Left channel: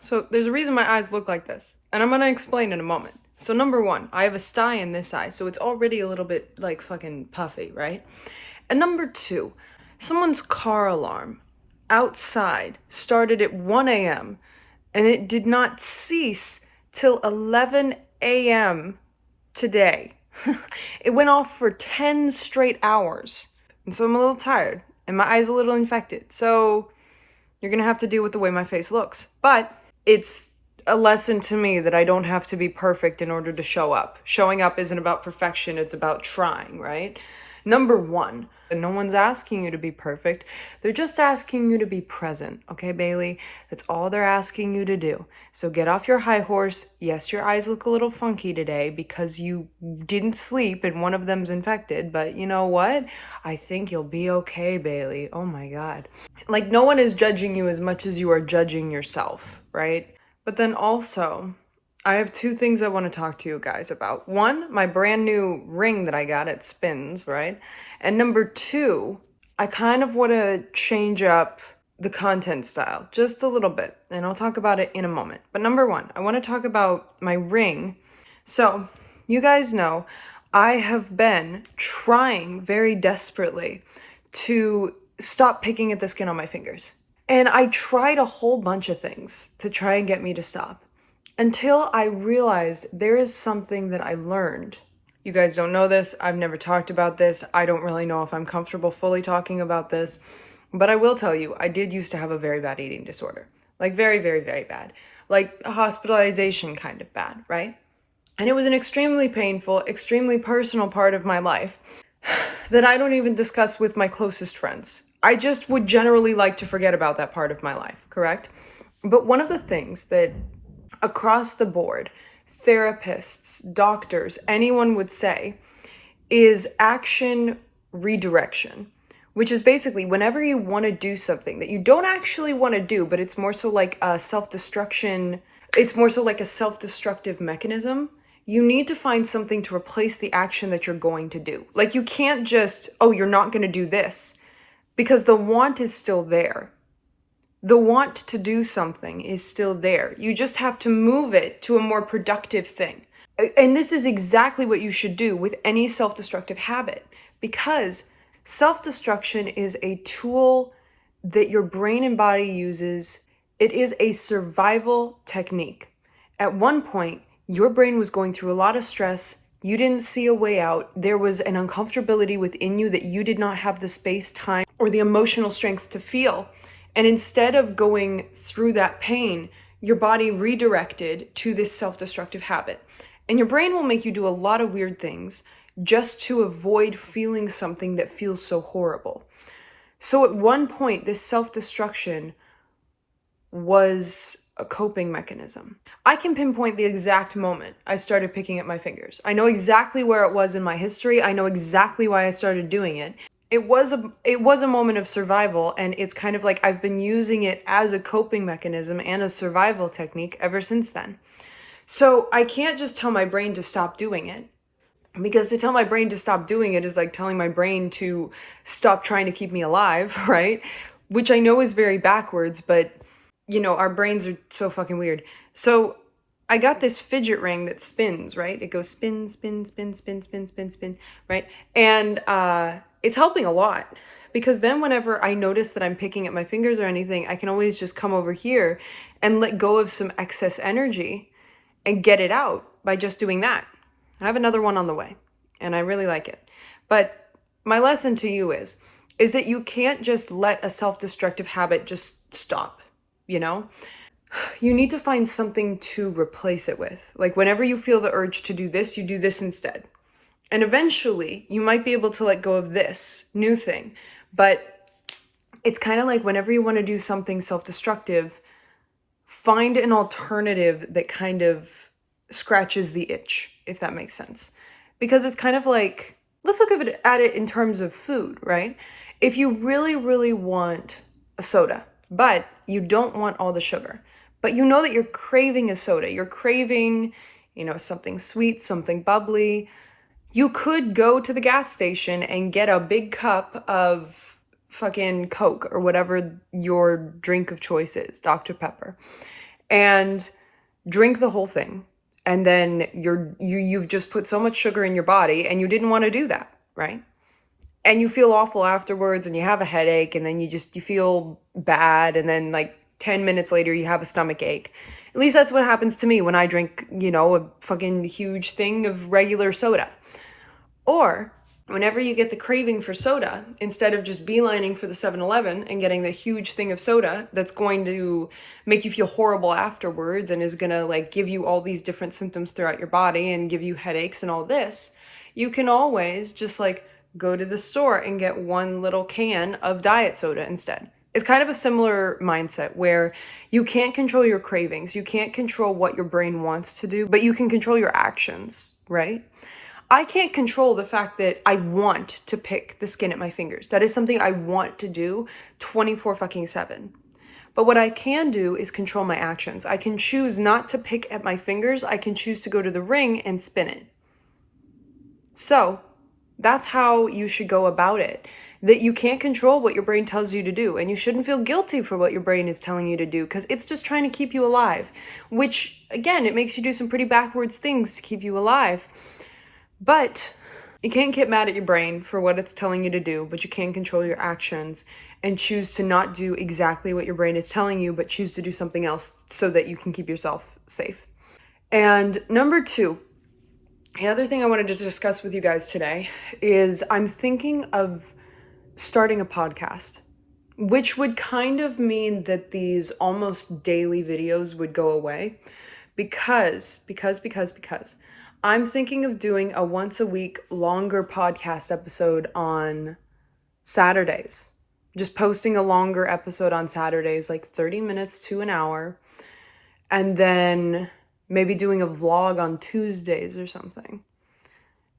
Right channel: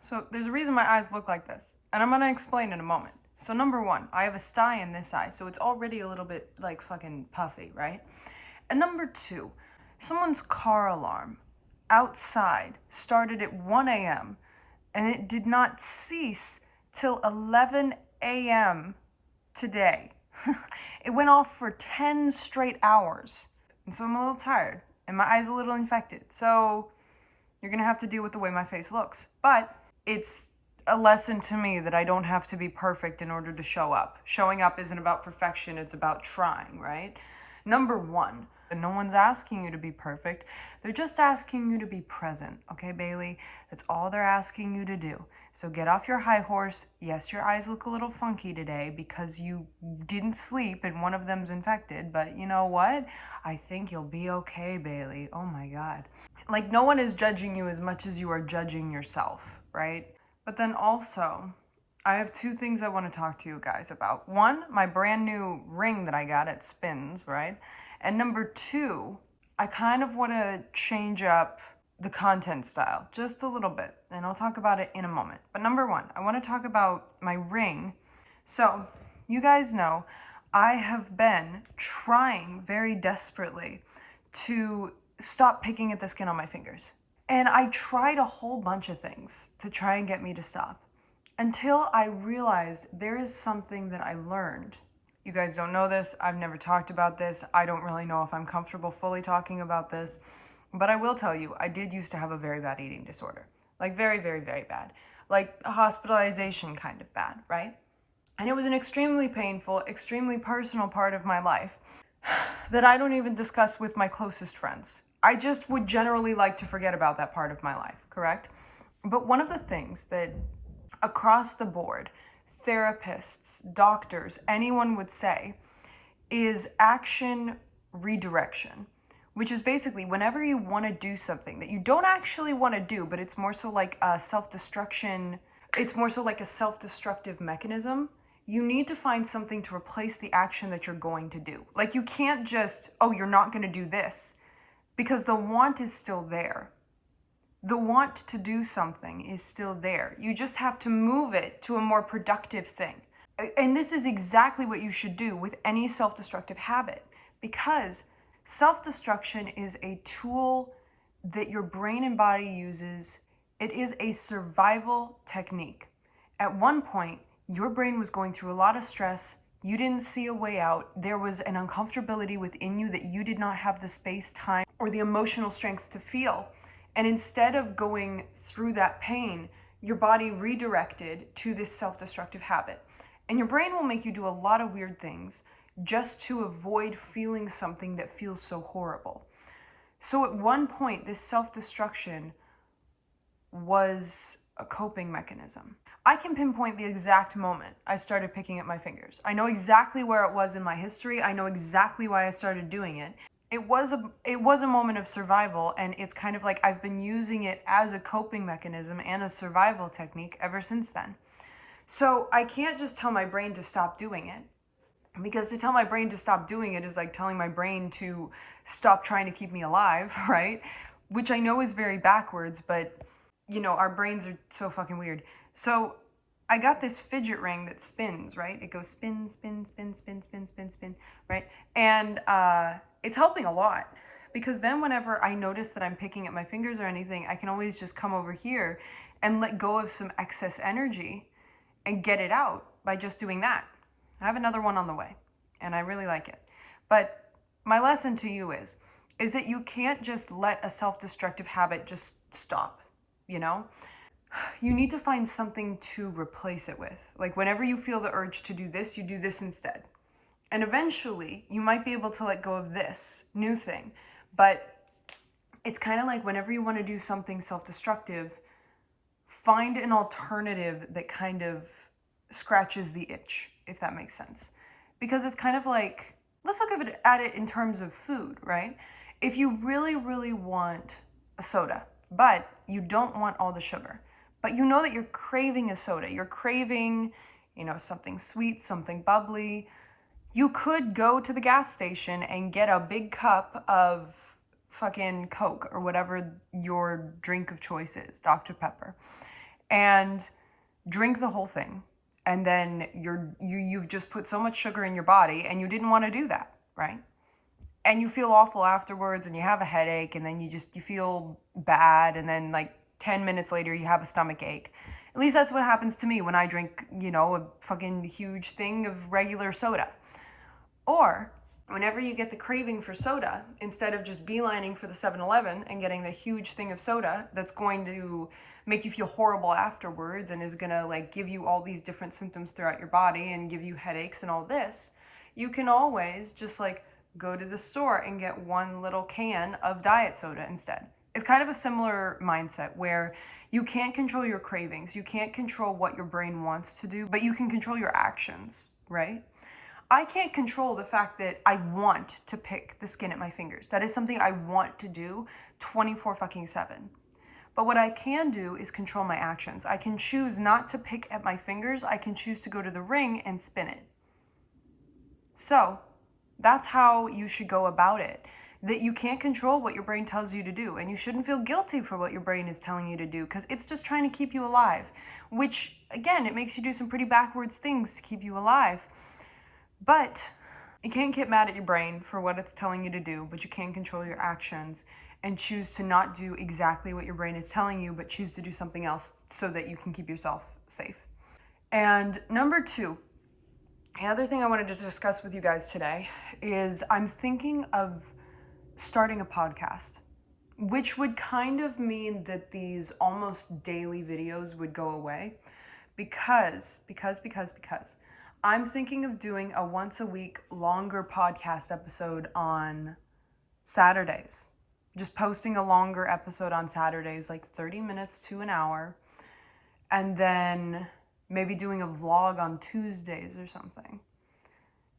So there's a reason my eyes look like this, and I'm gonna explain in a moment. So number one, I have a sty in this eye, so it's already a little bit like fucking puffy, right? And number two, someone's car alarm outside started at 1 a.m. and it did not cease till 11 a.m. today. It went off for 10 straight hours. And so I'm a little tired and my eye's a little infected. So you're gonna have to deal with the way my face looks. But it's a lesson to me that I don't have to be perfect in order to show up. Showing up isn't about perfection, it's about trying, right? Number one, no one's asking you to be perfect. They're just asking you to be present, okay, Bailey? That's all they're asking you to do. So get off your high horse. Yes, your eyes look a little funky today because you didn't sleep and one of them's infected, but you know what? I think you'll be okay, Bailey. Oh my God. Like, no one is judging you as much as you are judging yourself, right? But then also, I have two things I want to talk to you guys about. One, my brand new ring that I got at Spins, right? And number two, I kind of want to change up the content style just a little bit, and I'll talk about it in a moment. But number one, I want to talk about my ring. So, you guys know, I have been trying very desperately to stop picking at the skin on my fingers. And I tried a whole bunch of things to try and get me to stop until I realized there is something that I learned. You guys don't know this. I've never talked about this. I don't really know if I'm comfortable fully talking about this. But I will tell you, I did used to have a very bad eating disorder. Like very, very, very bad. Like hospitalization kind of bad, right? And it was an extremely painful, extremely personal part of my life that I don't even discuss with my closest friends. I just would generally like to forget about that part of my life, correct? But one of the things that across the board, therapists, doctors, anyone would say is action redirection, which is basically whenever you want to do something that you don't actually want to do, but it's more so like a self-destruction, it's more so like a self-destructive mechanism. You need to find something to replace the action that you're going to do. Like you can't just, oh, you're not going to do this because the want is still there. The want to do something is still there. You just have to move it to a more productive thing. And this is exactly what you should do with any self-destructive habit, because self-destruction is a tool that your brain and body uses. It is a survival technique. At one point, your brain was going through a lot of stress. You didn't see a way out. There was an uncomfortability within you that you did not have the space, time, or the emotional strength to feel. And instead of going through that pain, your body redirected to this self-destructive habit. And your brain will make you do a lot of weird things just to avoid feeling something that feels so horrible. So at one point, this self-destruction was a coping mechanism. I can pinpoint the exact moment I started picking at my fingers. I know exactly where it was in my history. I know exactly why I started doing it. It was a moment of survival, and it's kind of like I've been using it as a coping mechanism and a survival technique ever since then. So I can't just tell my brain to stop doing it, because to tell my brain to stop doing it is like telling my brain to stop trying to keep me alive, right? Which I know is very backwards, but you know, our brains are so fucking weird. So I got this fidget ring that spins, right? It goes spin, spin, spin, spin, spin, spin, spin, right? And it's helping a lot, because then whenever I notice that I'm picking at my fingers or anything, I can always just come over here and let go of some excess energy and get it out by just doing that. I have another one on the way, and I really like it. But my lesson to you is that you can't just let a self-destructive habit just stop, you know? You need to find something to replace it with. Like whenever you feel the urge to do this, you do this instead. And eventually you might be able to let go of this new thing. But it's kind of like whenever you want to do something self-destructive, find an alternative that kind of scratches the itch, if that makes sense. Because it's kind of like, let's look at it in terms of food, right? If you really, really want a soda, but you don't want all the sugar, but you know that you're craving a soda, you're craving, you know, something sweet, something bubbly, you could go to the gas station and get a big cup of fucking Coke or whatever your drink of choice is, Dr. Pepper. and drink the whole thing. And then you've just put so much sugar in your body and you didn't want to do that, right? And you feel awful afterwards and you have a headache and then you feel bad and then like 10 minutes later you have a stomach ache. At least that's what happens to me when I drink, a fucking huge thing of regular soda. Or whenever you get the craving for soda, instead of just beelining for the 7-Eleven and getting the huge thing of soda that's going to make you feel horrible afterwards and is going to like give you all these different symptoms throughout your body and give you headaches and all this, you can always just like go to the store and get one little can of diet soda instead. It's kind of a similar mindset where you can't control your cravings. You can't control what your brain wants to do, but you can control your actions, right? I can't control the fact that I want to pick the skin at my fingers. That is something I want to do 24 fucking 7. But what I can do is control my actions. I can choose not to pick at my fingers. I can choose to go to the ring and spin it. So that's how you should go about it. That you can't control what your brain tells you to do, and you shouldn't feel guilty for what your brain is telling you to do, because it's just trying to keep you alive, which again, it makes you do some pretty backwards things to keep you alive. But you can't get mad at your brain for what it's telling you to do, but you can control your actions and choose to not do exactly what your brain is telling you, but choose to do something else so that you can keep yourself safe. And number 2, the other thing I wanted to discuss with you guys today is I'm thinking of starting a podcast, which would kind of mean that these almost daily videos would go away because I'm thinking of doing a once a week longer podcast episode on Saturdays. Just posting a longer episode on Saturdays, like 30 minutes to an hour, and then maybe doing a vlog on Tuesdays or something.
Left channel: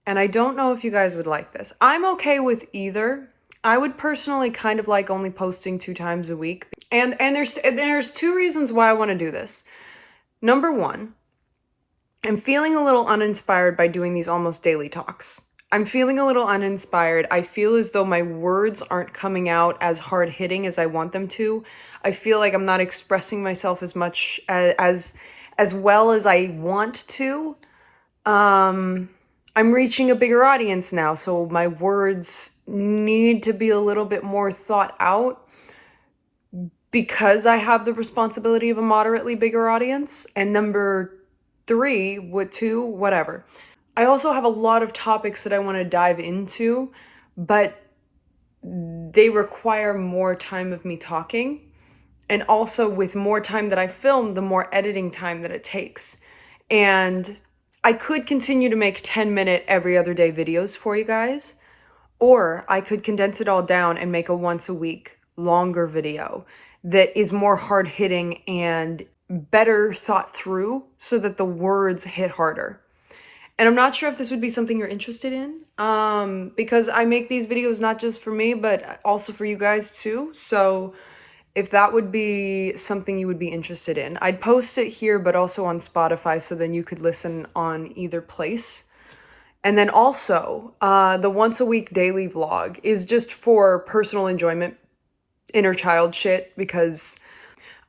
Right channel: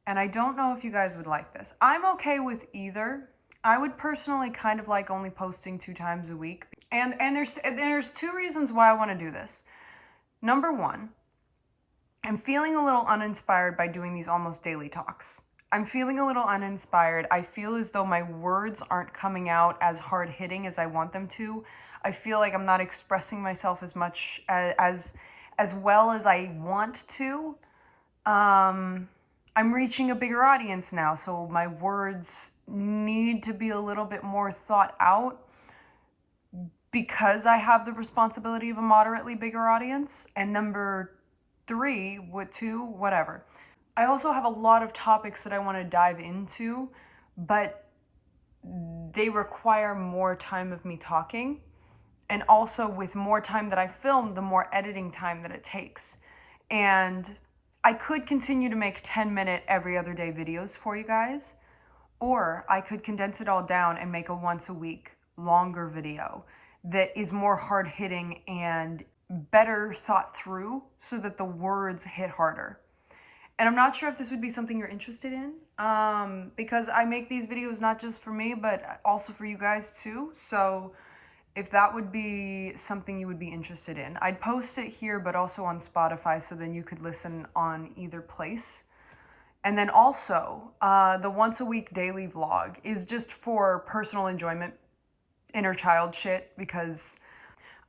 And I don't know if you guys would like this. I'm okay with either. I would personally kind of like only posting 2 times a week. And there's 2 reasons why I want to do this. Number 1, I'm feeling a little uninspired by doing these almost daily talks. I'm feeling a little uninspired. I feel as though my words aren't coming out as hard hitting as I want them to. I feel like I'm not expressing myself as much as well as I want to. I'm reaching a bigger audience now, so my words need to be a little bit more thought out because I have the responsibility of a moderately bigger audience. And number 3, whatever. I also have a lot of topics that I want to dive into, but they require more time of me talking. And also with more time that I film, the more editing time that it takes. And I could continue to make 10-minute every other day videos for you guys, or I could condense it all down and make a once a week longer video that is more hard hitting and better thought through so that the words hit harder. And I'm not sure if this would be something you're interested in, because I make these videos not just for me, but also for you guys too. So if that would be something you would be interested in, I'd post it here, but also on Spotify, so then you could listen on either place. And then also, the once a week daily vlog is just for personal enjoyment, inner child shit, because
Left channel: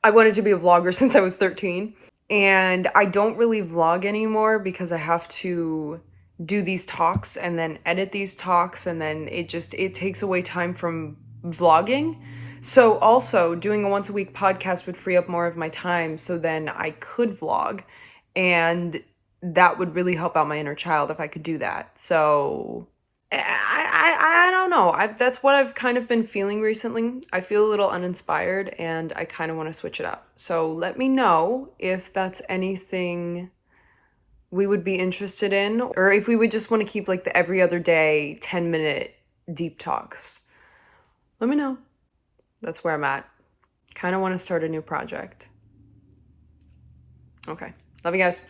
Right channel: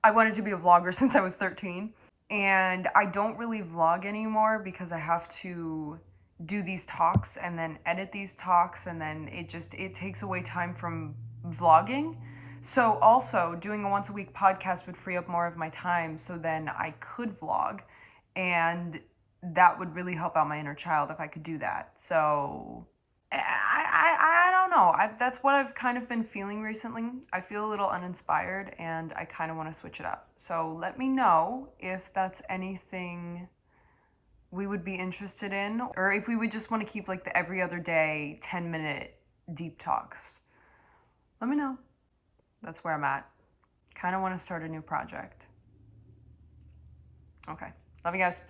I wanted to be a vlogger since I was 13. And I don't really vlog anymore because I have to do these talks and then edit these talks, and then it takes away time from vlogging. So also doing a once a week podcast would free up more of my time, so then I could vlog, and that would really help out my inner child if I could do that. So I don't know. That's what I've kind of been feeling recently. I feel a little uninspired and I kind of want to switch it up. So let me know if that's anything we would be interested in, or if we would just want to keep like the every other day 10-minute deep talks. Let me know. That's where I'm at. Kind of want to start a new project. Okay. Love you guys.